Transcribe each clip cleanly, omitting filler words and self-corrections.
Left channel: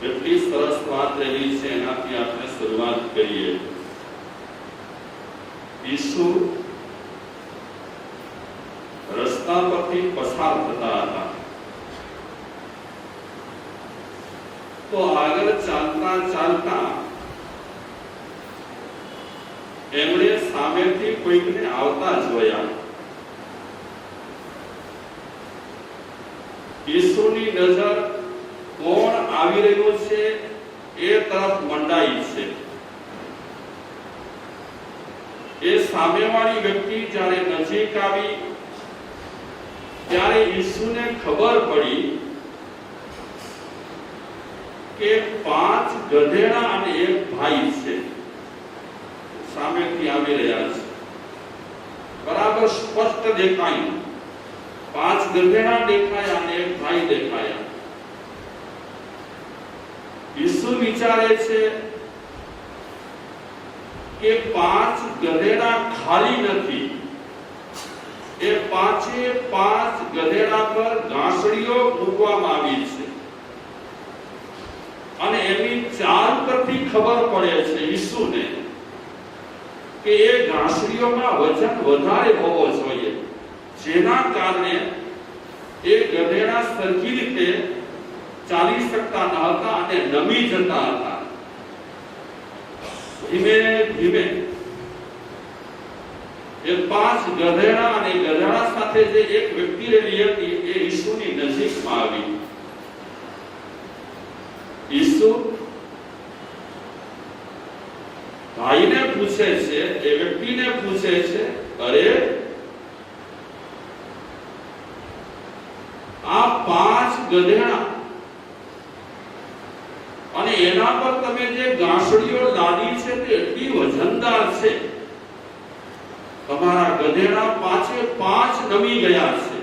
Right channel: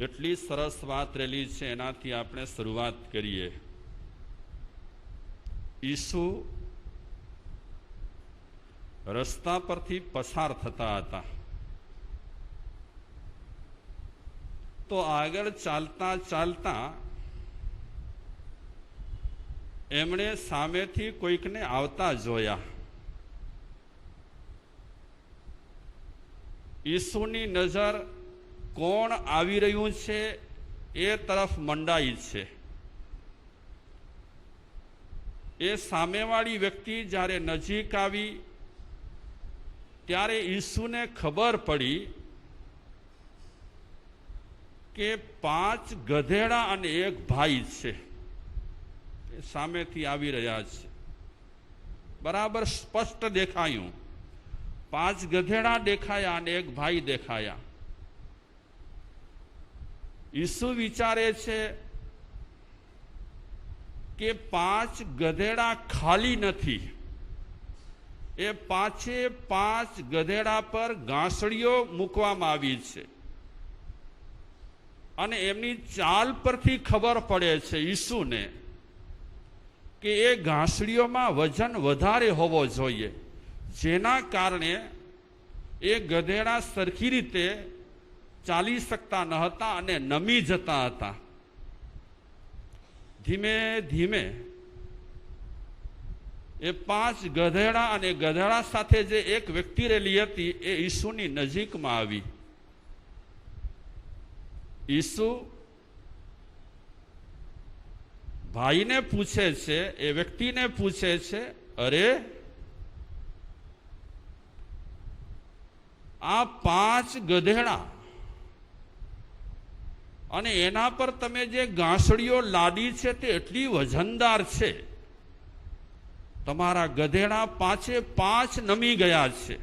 કેટલી સરસ વાત રહેલી છે, એનાથી આપણે શરૂઆત કરીએ. ઈસુ રસ્તા પરથી પસાર થતા હતા, તો આગળ ચાલતા ચાલતા એમણે સામેથી કોઈકને આવતા જોયા. ઈસુની નજર કોણ આવી રહ્યું છે એ તરફ મંડાઈ છે. એ સામેવાળી વ્યક્તિ જ્યારે નજીક આવી ત્યારે ઈસુને ખબર પડી કે 5 ગધેડા અને એક ભાઈ છે, સામેથી આવી રહ્યા છે. બરાબર સ્પષ્ટ દેખાયું. 5 ગધેડા દેખાયા અને એક ભાઈ દેખાયા. ઈસુ વિચારે છે કે 5 ગધેડા ખાલી નથી. એ 5 ગધેડા પર ઘાસડીઓ મૂકવામાં આવી છે અને એની ચાલ પરથી ખબર પડે છે ઈસુને કે એ ઘાસડીઓમાં વજન વધારે હોવો જોઈએ, જેના કારણે એ ગધેડા સરખી રીતે ચાલી શકતા ન હતા અને નમી જતા હતા. ધીમે ધીમે એ 5 ગધેડા અને ગધેડા સાથે જે એક વ્યક્તિ રહેલી હતી એ ઈસુની નજીકમાં આવી. ઈસુ ભાઈને પૂછે છે, એ વ્યક્તિને પૂછે છે, અરે આ 5 ગધેડા અને એના પર તમે જે ઘાસડીઓ લાદી છે તે એટલી વજનદાર છે, તમારા ગધેડા 5 નમી ગયા છે.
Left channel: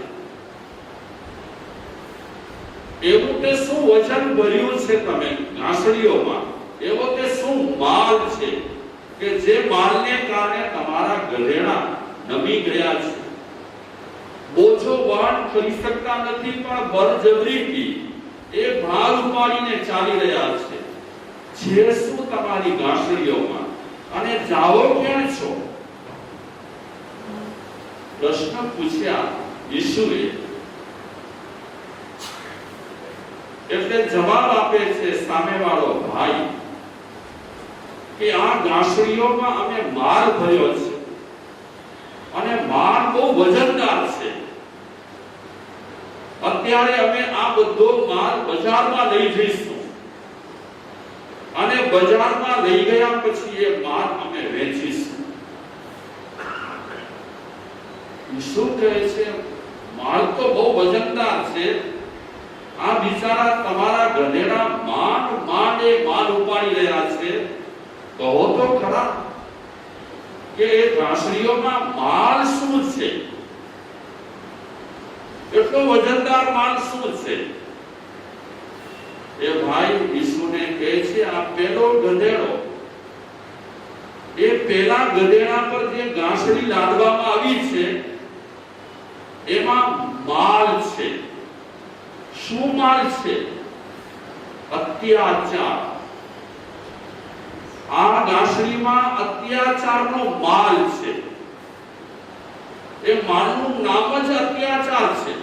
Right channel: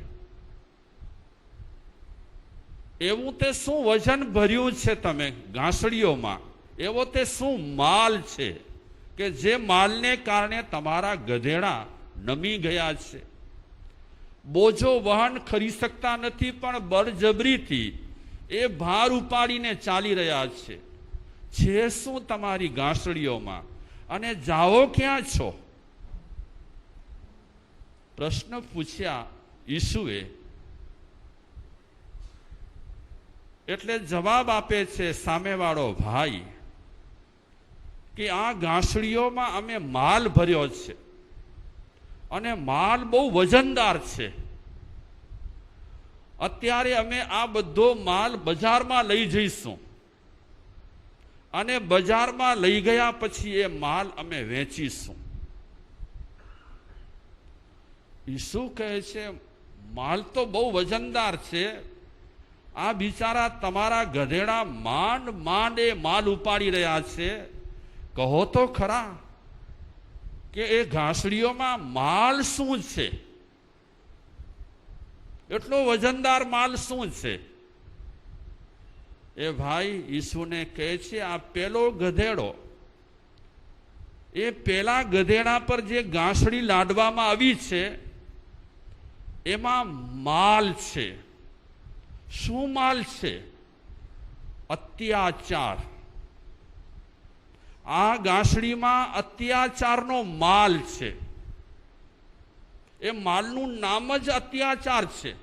એવું તે શું વજન ભર્યું છે તમે ઘાસડીઓમાં? એવો તે શું માલ છે કે જે માલને કારણે તમારા ગધેડા નમી ગયા છે? બોજો વહન કરી શકતા નથી, પણ બળજબરીથી એ ભાર ઉપાડીને ચાલી રહ્યા છે. જે શું તમારી ઘાસડીઓમાં? અને જાઓ ક્યાં છો? પ્રશ્ન પૂછ્યા ઈસુએ. એટલે જવાબ આપે છે સામેવાળો ભાઈ કે આ ઘાસડીઓમાં અમે માલ ભર્યો છે અને માલ બહુ વજનદાર છે. અત્યારે અમે આ બધો માલ બજારમાં લઈ જઈશું અને બજારમાં લઈ ગયા પછી એ માલ અમે વેચીશું. શું કહે છે? માલ તો બહુ વજનદાર છે. આ બિચારા તમારા ગધેડા માંડ એ માલ ઉપાડી રહ્યા છે. કહો તો ખરા કે એ ઘાસડીઓમાં માલ શું છે? એટલો વજનદાર માલ શું છે? એ ભાઈ ઈસુને કહે છે, આ પેલો ગધેડો, એ પેલા ગધેડા પર જે ઘાસડી લાદવામાં આવી છે એમાં માલ છે. શું માલ છે? અત્યાચાર. આ ઘાસડીમાં અત્યાચારનો માલ છે. એ માલનું નામ જ અત્યાચાર છે.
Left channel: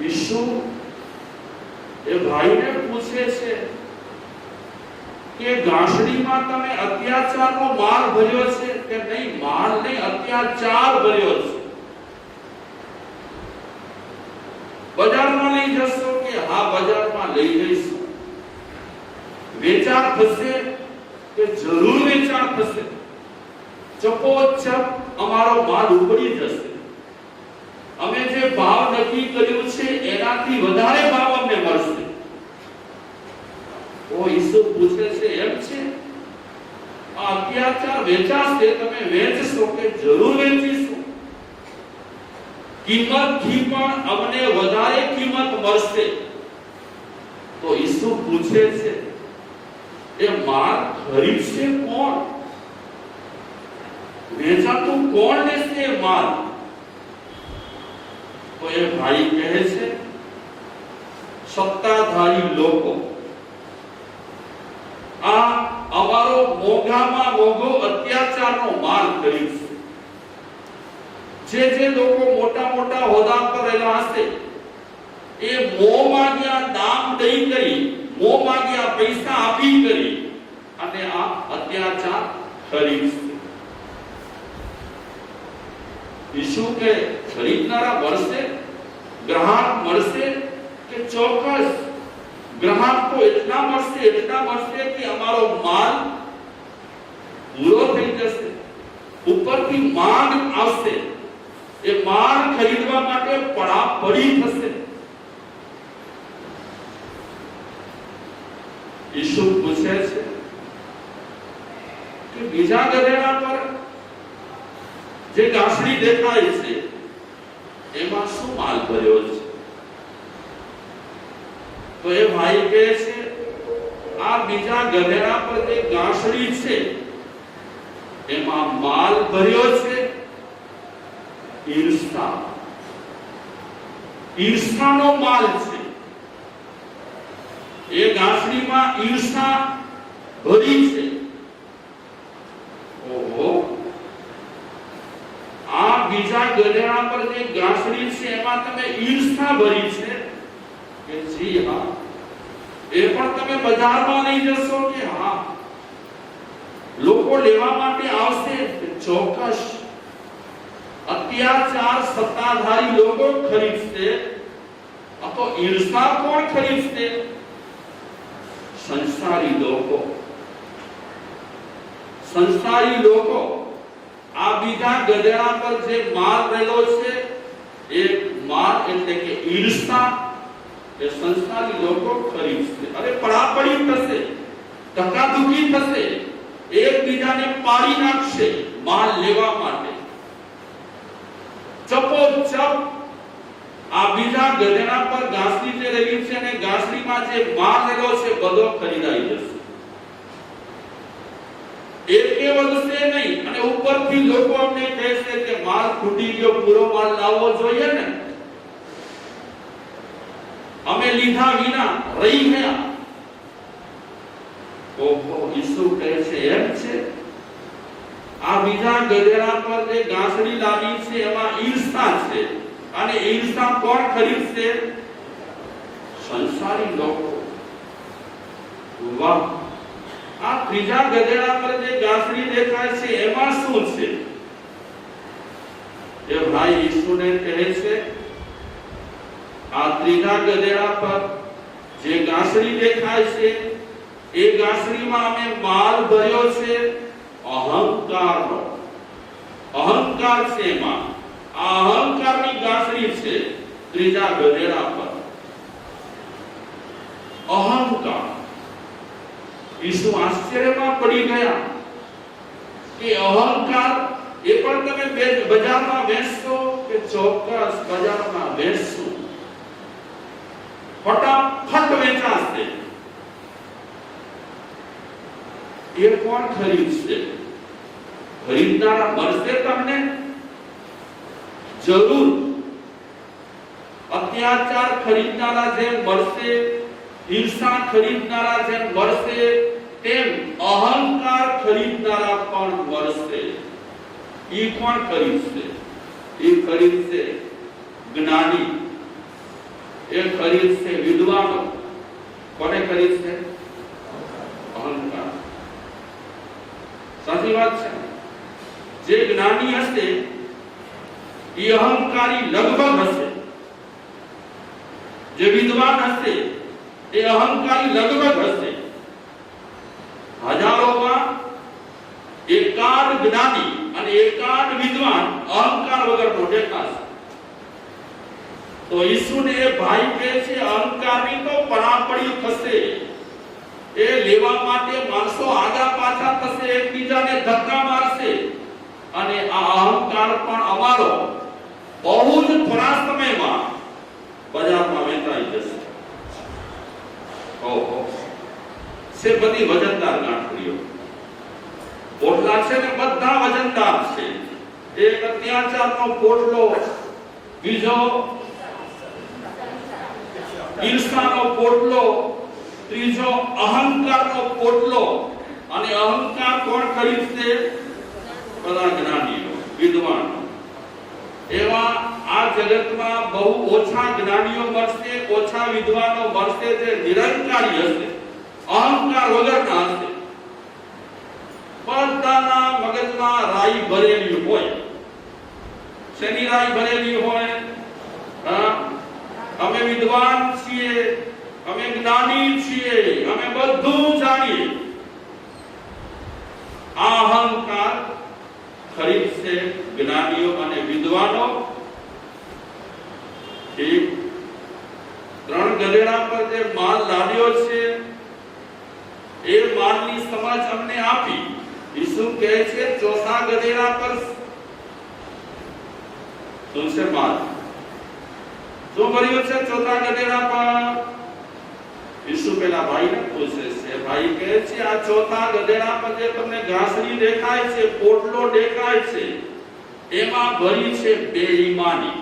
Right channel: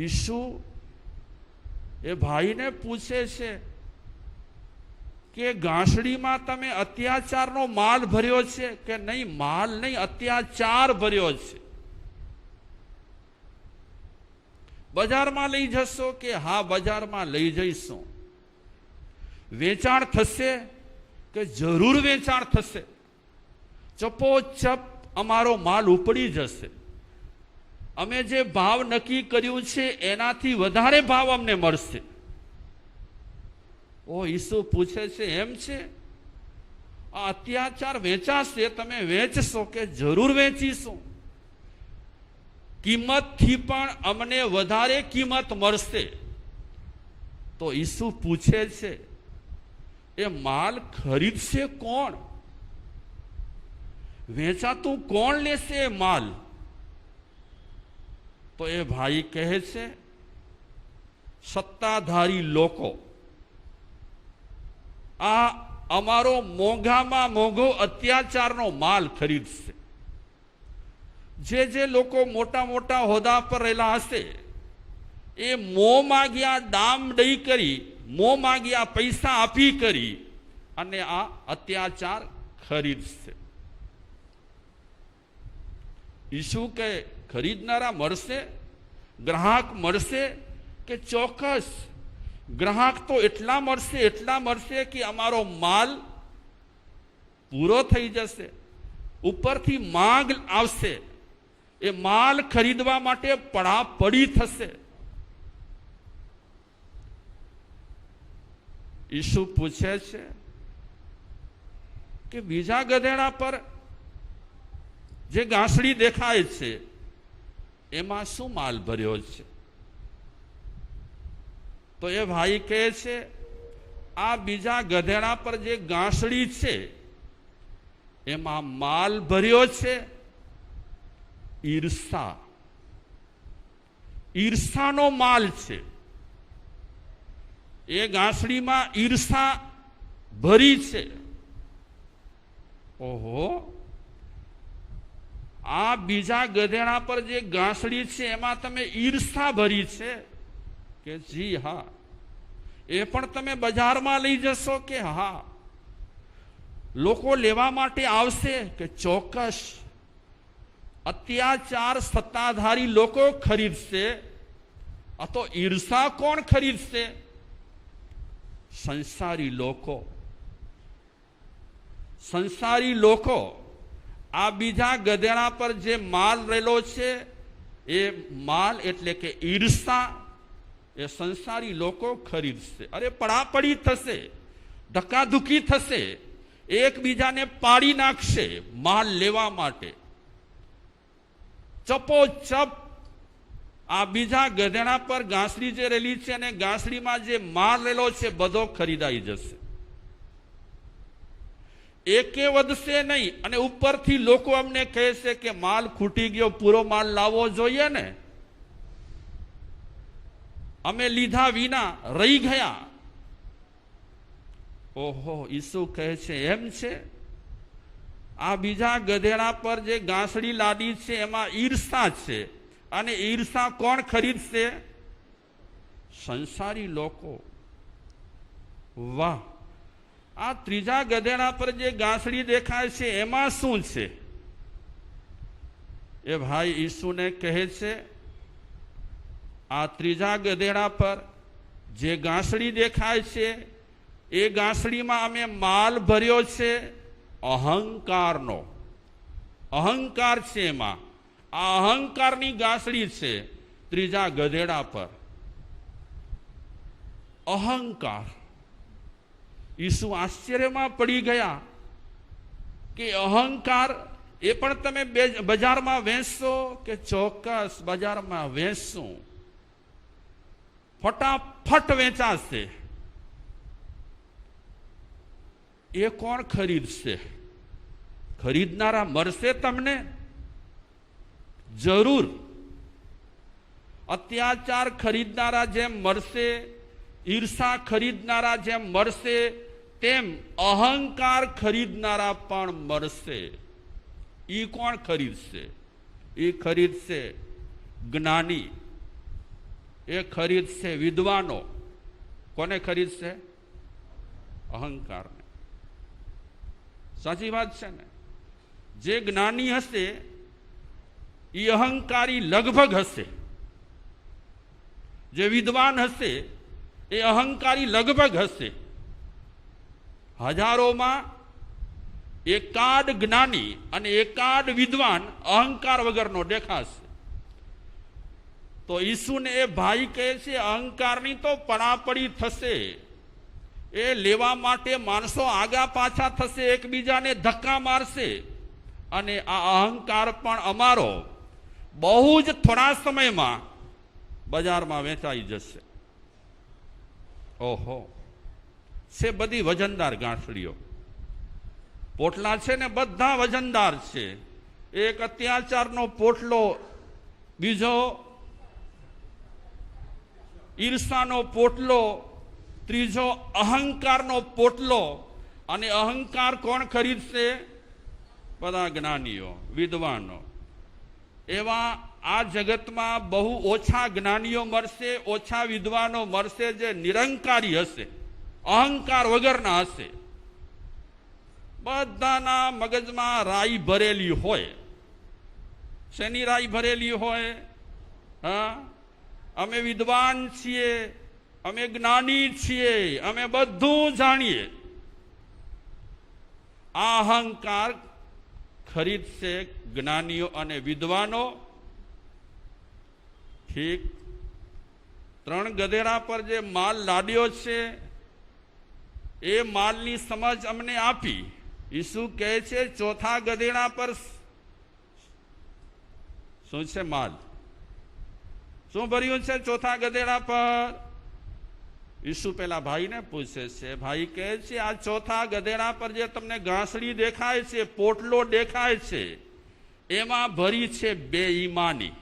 ઈસુ એ ભાઈને પૂછે છે કે ઘાસડીમાં તમે અત્યાચારનો માલ ભર્યો છે કે નહીં? માલ નહીં, અત્યાચાર ભર્યો છે. બજારમાં લઈ જશો કે? હા, બજારમાં લઈ જઈશું. વેચાણ થશે કે? જરૂર વેચાણ થશે. ચપોચપ અમારો માલ ઉપડી જશે. અમે જે ભાવ નક્કી કર્યું છે એનાથી વધારે ભાવ અમને મળશે. તો ઈસુ પૂછે છે, એમ છે? આ અત્યાચાર વેચાશે, તમે વેચશો કે? જરૂર વેચીશું. કિંમતથી પણ અમને વધારે કિંમત મળશે. તો ઈસુ પૂછે છે, એ માલ ખરીદશે કોણ? વેચાતું કોણ લેશે એ માલ? તો એ ભાઈ કહે છે, સત્તાધારી લોકો આ અમારો મોંઘામાં મોંઘો અત્યાચારનો માલ ખરીદશે. જે લોકો મોટા મોટા હોદ્દા પર રહેલા હશે એ મોં માગ્યા દામ દઈ કરી, મોં માગ્યા પૈસા આપી કરી અને આ અત્યાચાર ખરીદશે. ઈસુ કે ખરીદનારા મળશે, ગ્રાહક મળશે કે ચોક્કસ ગ્રાહક તો એટલા મળશે કે અમારો માલ પૂરો થઈ જશે. ઉપરથી માંગ આવશે, એ માલ ખરીદવા માટે પડાપડી થશે. ઈસુ પૂછે છે કે બીજા ગધેડા પર જે ગાંસડી દેખાય છે એમાં શું માલ ભર્યો છે? તો એ ભાઈ કહે છે આ બીજા ગધેડા પર જે ગાંસડી છે એમાં માલ ભર્યો છે ઈર્ષા. ઈર્ષાનો માલ છે. એ ગાંસડીમાં ઈર્ષા ભરી છે. ઓહો, આ બીજા ગધેડા પર જે ગાંસડી છે એમાં તમે ઈર્ષા ભરી છે કે જી હા, એ પણ તમે બજારમાં લઈ જશો કે હા, લોકો લેવા માટે આવશે કે ચોક્કસ. અત્યાચાર સત્તાધારી લોકો ખરીદશે, તો ઈર્ષા કોણ ખરીદશે? સંસારી લોકો. સંસારી લોકો આ બીજા ગધેડા પર જે માલ રહેલો છે એ માલ એટલે કે ઈર્ષા એ સંસારી લોકો ખરીદશે. અરે પડાપડી થશે, ધક્કાધુકી થશે, એકબીજાને પાડી નાખશે માલ લેવા માટે. ચપોચપ આ બીજા ગધેડા પર ગાંસડી જે રહેલી છે અને ગાંસડીમાં જે માલ રહેલો છે બધો ખરીદાઈ જશે. એકે વધશે નહીં. અને ઉપરથી લોકો અમને કહેશે કે માલ ખૂટી ગયો, પૂરો માલ લાવવો જોઈએ ને, અમે લીધા વિના રહી ગયા. ઓહો, ઈસુ કહે છે એમ છે? આ બીજા ગધેડા પર જે ગાંસડી લાદી છે એમાં ઈર્ષા છે, અને ઈર્ષા કોણ ખરીદશે? સંસારી લોકો. વાહ, આ ત્રીજા ગધેડા પર જે ગાંસડી દેખાય છે એમાં શું છે? એ ભાઈ ઈસુને કહે છે આ ત્રીજા ગધેડા પર જે ગાંસડી દેખાય છે એ ગાંસડીમાં અમે માલ ભર્યો છે અહંકારનો. અહંકાર છે એમાં. આ અહંકારની ગાંસડી છે ત્રીજા ગધેડા પર. અહંકાર. ઈસુ આશ્ચર્યમાં પડી ગયા કે અહંકાર એ પણ તમે બજારમાં વેચશો કે ચોક્કસ બજારમાં વેચશો, ફટાફટ વેચાશે. એ કોણ ખરીદશે? ખરીદનારા મળશે તમને જરૂર. અત્યાચાર ખરીદનારા જેમ મળશે, ઈર્ષા ખરીદનારા જેમ મળશે, તેમ અહંકાર ખરીદનારા પણ મળશે. એ કોણ ખરીદશે? એ ખરીદશે જ્ઞાની, એ ખરીદશે વિદ્વાનો. કોને ખરીદશે? અહંકાર. સાચી વાત છે. જે જ્ઞાની હશે એ અહંકારી લગભગ હશે, જે વિદ્વાન હશે એ અહંકારી લગભગ હશે. હજારોમાં એકાદ જ્ઞાની અને એકાદ વિદ્વાન અહંકાર વગરનો દેખાશે. તો ઈસુને એ ભાઈ કહે છે અહંકારની તો પડાપડી થશે. એ લેવા માટે માણસો આગા પાછા થશે, એકબીજાને ધક્કા મારશે, અને આ અહંકાર પણ અમારો બહુ જ થોડા સમયમાં બજારમાં વેચાઈ જશે. ઓહો, છે બધી વજનદાર ગાંઠડીઓ. પોટલા છે ને બધા વજનદાર છે. એક અત્યાચારનો પોટલો, બીજો ઈર્ષાનો પોટલો, ત્રીજો અહંકારનો પોટલો. અને અહંકાર કોણ ખરીદશે? બધા જ્ઞાનીઓ, વિદ્વાનો. એવા આ જગતમાં બહુ ઓછા જ્ઞાનીઓ મળશે, ઓછા વિદ્વાનો મળશે જે નિરંકારી હશે, અહંકાર વગરના હશે. બધાના મગજમાં રાઈ ભરેલી હોય. શેની રાઈ ભરેલી હોય? હા, અમે વિદ્વાન છીએ, અમે જ્ઞાની છીએ, અમે બધું જાણીએ. આ અહંકાર ખરીદશે જ્ઞાનીઓ અને વિદ્વાનો. ઠીક. 3 ગધેડા પર જે માલ લાદ્યો છે એ માલની સમજ અમને આપી. ઈસુ કહે છે ચોથા ગધેડા પર શું છે? માલ. શું ભર્યું છે ચોથા ગધેડા પર? ઈસુ પેલા ભાઈને પૂછે છે. ભાઈ કહે છે આ ચોથા ગધેડા પર જે તમને ઘાસડી દેખાય છે, પોટલો દેખાય છે, એમાં ભરી છે બેઈમાની.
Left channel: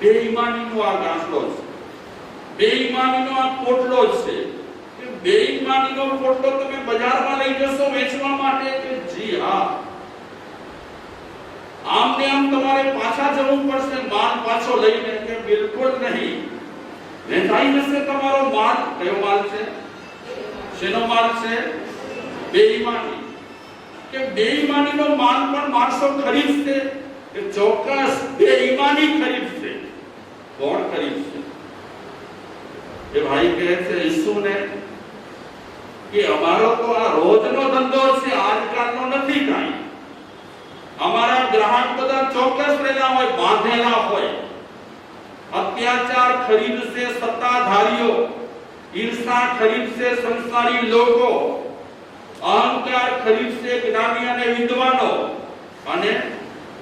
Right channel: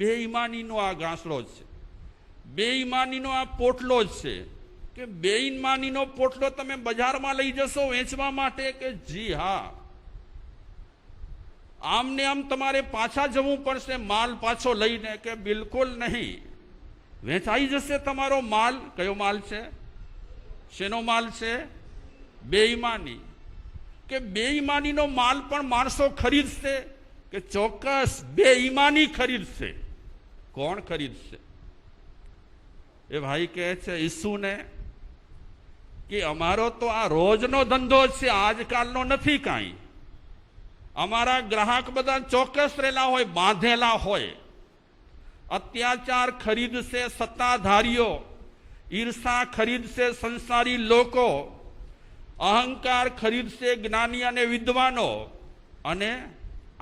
બેઈમાનીનો આ ઘાસડો છે, બેઈમાનીનો આ પોટલો છે. કે બેઈમાનીનો પોટલો તમે બજારમાં લઈ જશો વેચવા માટે? કે જી હા. આમ ને આમ તમારે પાછા જવું પડશે માલ પાછો લઈને? કે બિલકુલ નહીં. વેચાઈ જશે તમારો માલ. કયો માલ છે? શેનો માલ છે? બેઈમાની. કે બેઈમાનીનો માલ પણ માણસો ખરીદશે? કે ચોક્કસ બેઈમાની ખરીદશે. કોણ ખરીદશે? એ ભાઈ કહે છે ઈસુને કે અમારો તો આ રોજનો ધંધો છે, આજકાલનો નથી કાંઈ. અમારા ગ્રાહક બધા ચોક્કસ રહેલા હોય, બાંધેલા હોય. અત્યાચાર ખરીદશે સત્તાધારીઓ, ઈર્ષા ખરીદશે સંસારી લોકો, અહંકાર ખરીદશે જ્ઞાની અને વિદ્વાનો, અને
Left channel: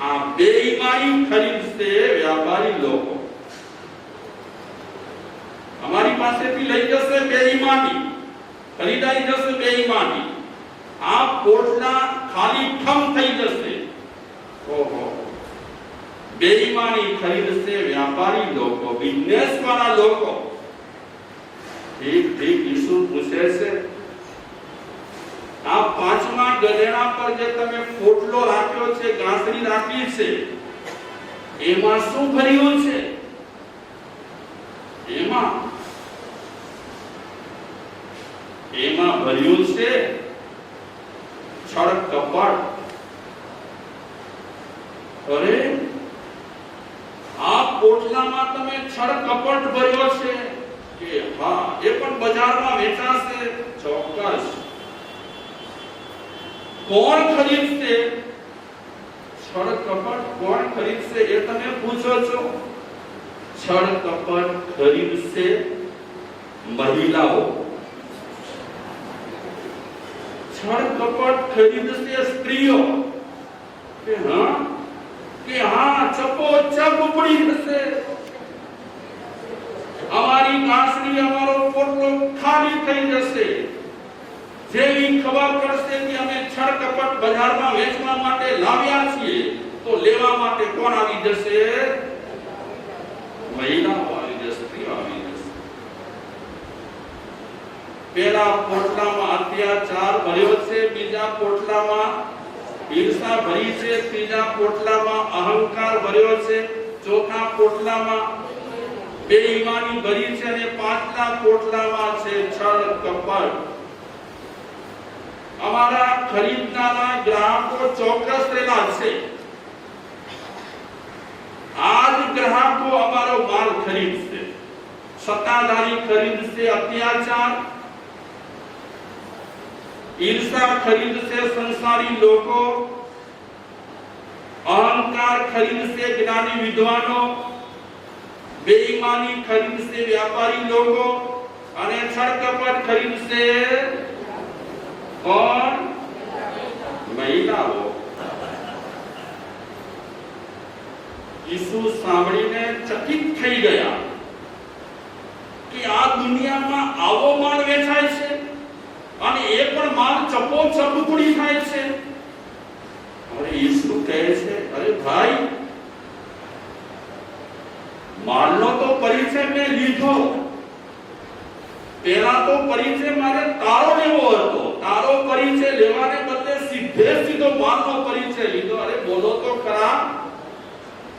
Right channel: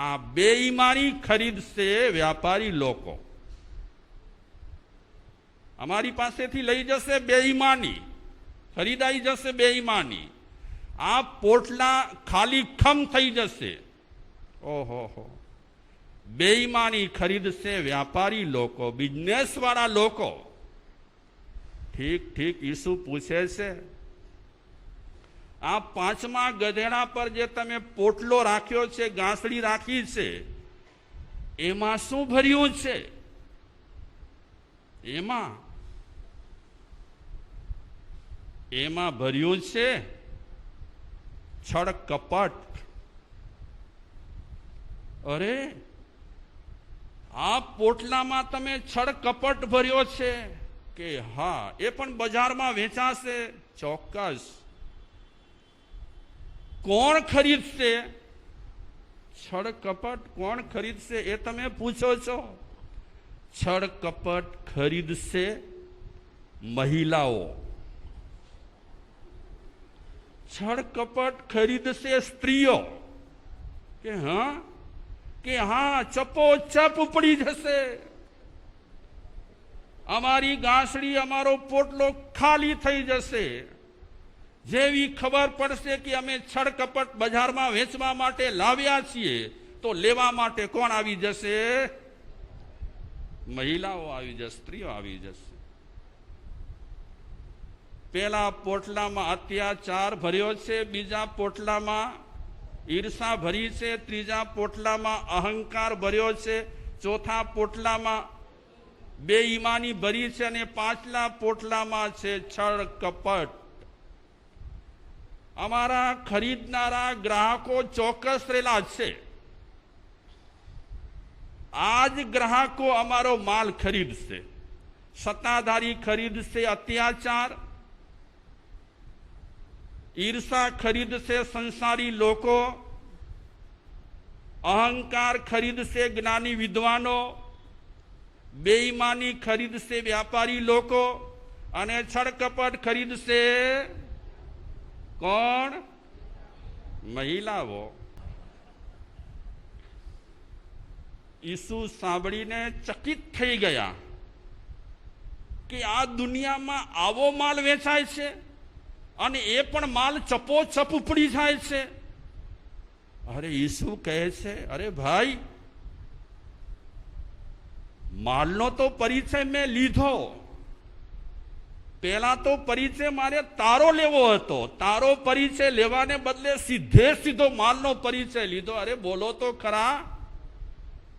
આ બેઈમાની ખરીદશે વ્યાપારી લોકો. અમારી પાસેથી લઈ જશે બેઈમાની, ખરીદાઈ જશે બેઈમાની. આ પોટલા ખાલી ઠમ થઈ જશે. ઓહો. બેઈમાની ખરીદશે વ્યાપારી લોકો, બિઝનેસ વાળા લોકો. ઠીક ઠીક. ઈસુ પૂછે છે આ 5મા ગધેડા પર જે તમે પોટલો રાખ્યો છે, ઘાસડી રાખી છે, એમાં શું ભર્યું છે? એમાં ભર્યું છે છળ કપટ. અરે, આ પોટલામાં તમે છળ કપટ ભર્યો છે? કે હા. એ પણ બજારમાં વેચાશે? ચોક્કસ. કોણ ખરીદશે? છળ કપટ કોણ ખરીદશે એ તમે પૂછો છો? છળ કપટ ખરીદશે મહિલાઓ, છળ કપટ ખરીદશે સ્ત્રીઓ. કે હા, ચપોચપ ઉપડી જશે. અમારી ઘાસડી, અમારો પોટલો ખાલી થઈ જશે. જેવી ખબર પડશે કે અમે છળ કપટ બજારમાં વેચવા માટે લાવ્યા છીએ, તો લેવા માટે કોણ આવી જશે? મહિલાઓ આવી જશે, સ્ત્રીઓ આવી જશે. પેલા પોટલામાં અત્યાચાર ભર્યો છે, બીજા પોટલામાં ઈર્ષા ભરી છે, ત્રીજા પોટલામાં અહંકાર ભર્યો છે, ચોથા પોટલામાં બેઈમાની ભરી છે, અને 5મા પોટલામાં છે છળ કપટ. અમારા ખરીદનારા ગ્રાહકો ચોક્કસ રહેલા છે. આજ ગ્રાહકો અમારો માલ ખરીદશે. સત્તાધારી ખરીદશે અત્યાચાર, ઈર્ષા ખરીદશે સંસારી લોકો, અહંકાર ખરીદશે જ્ઞાની વિદ્વાનો, બેઈમાની ખરીદશે વ્યાપારી લોકો, અને છળ કપટ ખરીદશે કોણ? મહિલાઓ. ઈસુ સાંભળીને ચકિત થઈ ગયા કે આ દુનિયામાં આવો માલ વેચાય છે, અને એ પણ માલ ચપોચપ ઉપડી થાય છે. અરે ઈસુ કહે છે, અરે ભાઈ, માલનો તો પરિચય મેં લીધો, પહેલા તો પરિચય મારે તારો લેવો હતો, તારો પરિચય લેવાને બદલે સીધો માલનો પરિચય લીધો. અરે બોલો તો ખરા,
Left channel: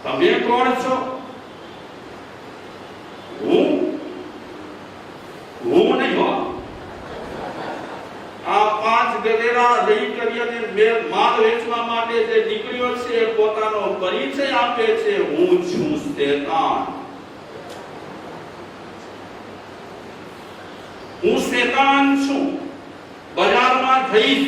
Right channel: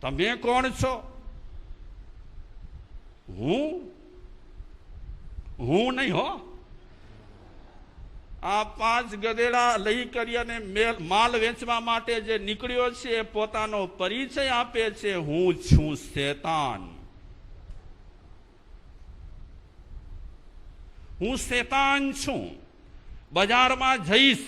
તમે કોણ છો? હું નહીં હો. આ 5 ગધેડા લઈ કરીને માલ વેચવા માટે જે નીકળ્યો છે એ પોતાનો પરિચય આપે છે, હું છું શેતાન. હું શેતાન છું. બજારમાં જઈશ,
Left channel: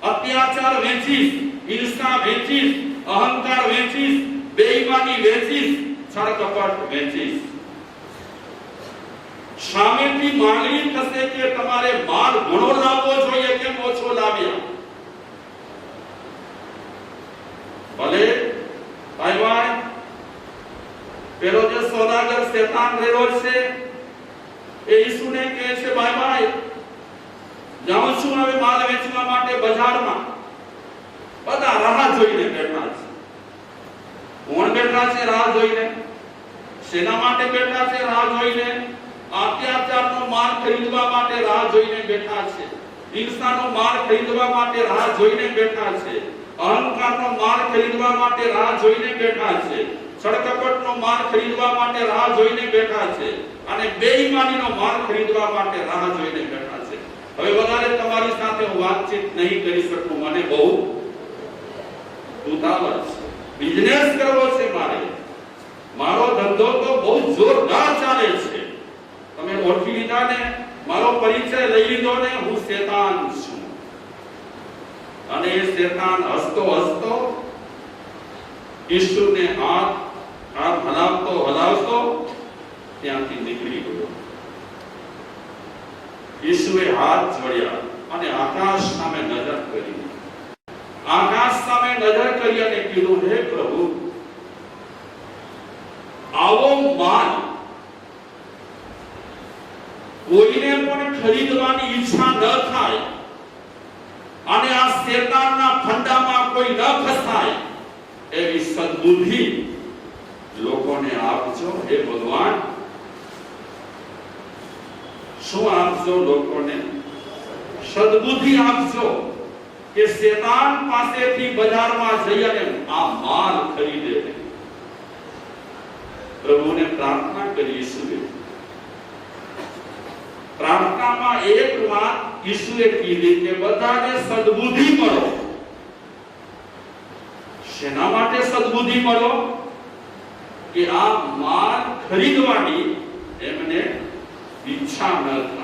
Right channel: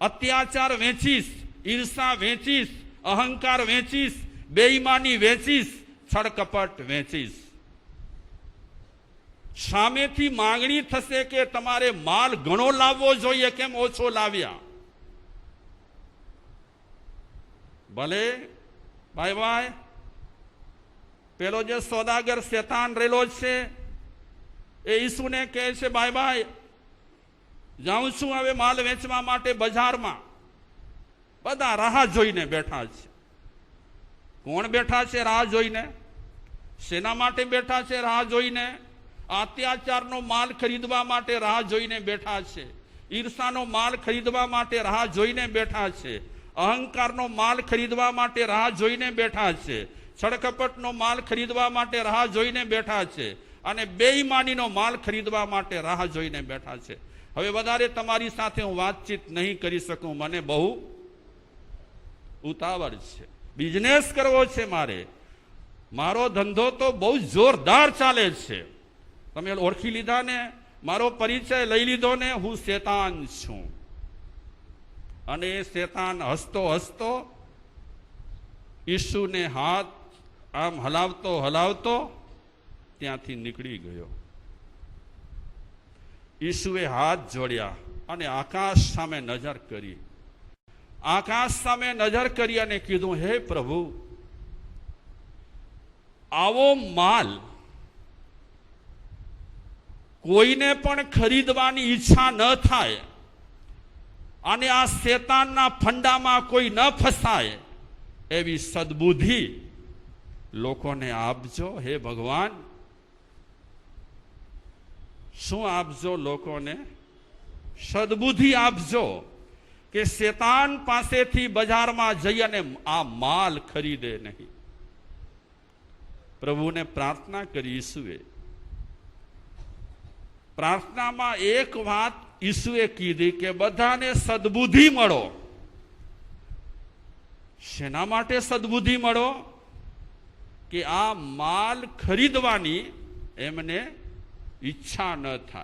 અત્યાચાર વેચીશ, ઈર્ષા વેચીશ, અહંકાર વેચીશ, બેઈમાની વેચીશ, છળકપટ વેચીશ. સામેથી માંગણી થશે કે તમારે માલ ઘણો લાવવો જોઈએ, કેમ ઓછો લાવ્યા? ભલે ભાઈ પેલો જે સોદાગર શેતાન રહેલો છે એ ઈસુને કહે છે, ભાઈ જાઉં છું હવે માલ વેચવા માટે બજારમાં. બધા રાહ જોઈને બેઠા છે. કોણ બેઠા છે રાહ જોઈને? શેના માટે બેઠા છે રાહ જોઈને? અત્યાચારનો માલ ખરીદવા માટે રાહ જોઈને બેઠા છે, ઈર્ષાનો માલ ખરીદવા માટે રાહ જોઈને બેઠા છે, અહંકારનો માલ ખરીદવા માટે રાહ જોઈને બેઠા છે, છળકપટનો માલ ખરીદવા માટે રાહ જોઈને બેઠા છે, અને બેઈમાનીનો માલ ખરીદવા માટે રાહ જોઈને બેઠા છે. હવે વધારે તમારી સાથે હું વાતચીત નહીં કરી શકું, મને બહુ ઉતાવળ છે, બિઝનેસ કરવો છે મારે. મારો ધંધો તો બહુ જોરદાર ચાલે છે. તમે ઓળખી લીધા ને, મારો પરિચય લઈ લીધો ને, હું શેતાન છું. અને એ શેતાન હસતો હસતો ઈસુને હાથ આમ હલાવતો ત્યાંથી નીકળી ગયો. ઈસુએ હાથ જોડ્યા અને આકાશ સામે નજર કરી. આકાશ સામે નજર કરી અને કીધું, હે પ્રભુ, આવો માલ કોઈને પણ ખરીદવાની ઈચ્છા ન થાય અને આ શેતાનના ફંડામાં કોઈ ન ફસાય એવી સદબુદ્ધિ લોકોને આપજો. હે ભગવાન, શું આપજો? લોકોને સદબુદ્ધિ આપજો કે શેતાન પાસેથી બજારમાં જઈ અને આ માલ ખરીદે. પ્રભુને પ્રાર્થના કરી ઈસુએ. પ્રાર્થનામાં એક વાત ઈસુએ કીધી કે બધાને સદબુદ્ધિ મળો. શેના માટે સદબુદ્ધિ મળો? કે આ માલ ખરીદવાની એમને ઈચ્છા ન થાય.